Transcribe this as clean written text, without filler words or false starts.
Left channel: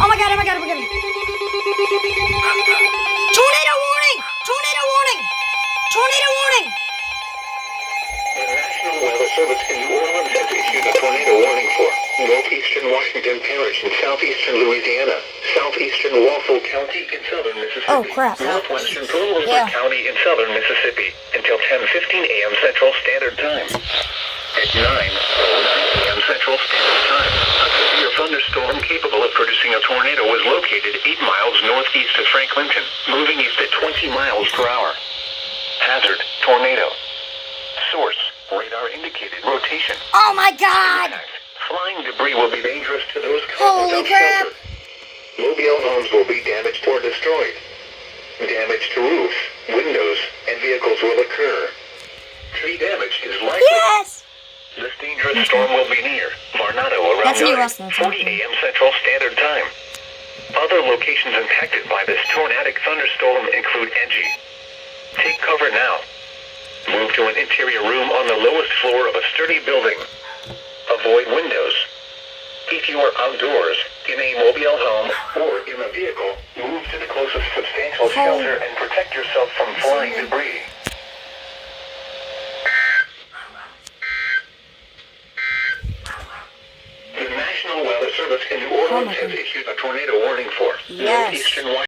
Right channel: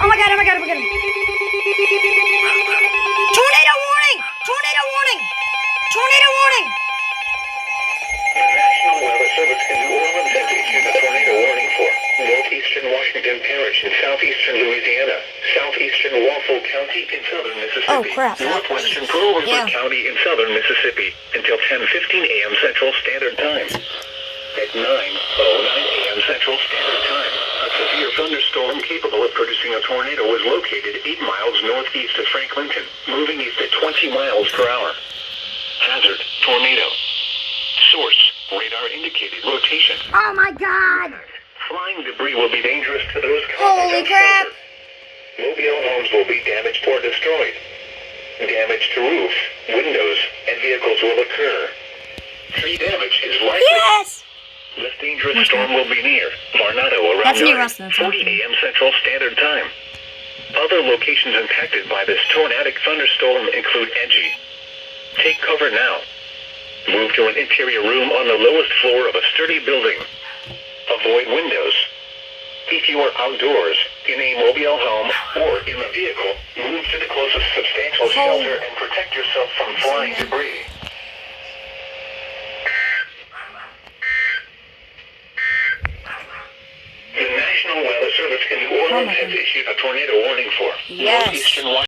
Oh my god, oh my god, oh my god. Tornado warning! Tornado warning! Tornado warning! The National Weather Service in New Orleans has issued a tornado warning for northeastern Washington Parish in southeastern Louisiana, southeastern Waffle County in southern Mississippi, Oh, crap. northwestern Pearl River Yeah. County in southern Mississippi until 10:15 a.m. Central Standard Time. At 9:09 p.m. Central Standard Time, a severe thunderstorm capable of producing a tornado was located 8 miles northeast of Franklinton, moving east at 20 miles per hour. Hazard, tornado. Source, radar indicated rotation. Oh my god! Flying debris will be dangerous to those Holy caught crap! shelter. Mobile homes will be damaged or destroyed. Damage to roofs, windows, and vehicles will occur. Tree damage is likely. Yes! This dangerous storm will be near Varnado around That's near us, that's 9:40 a.m. Central Standard Time. Other locations impacted by this tornadic thunderstorm include Engie. Take cover now. Move to an interior room on the lowest floor of a sturdy building. Avoid windows. If you are outdoors, in a mobile home, or in a vehicle, move to the closest substantial shelter and protect yourself from flying debris. The National Weather Service in New Orleans has issued a tornado warning for Yes. northeastern Washington.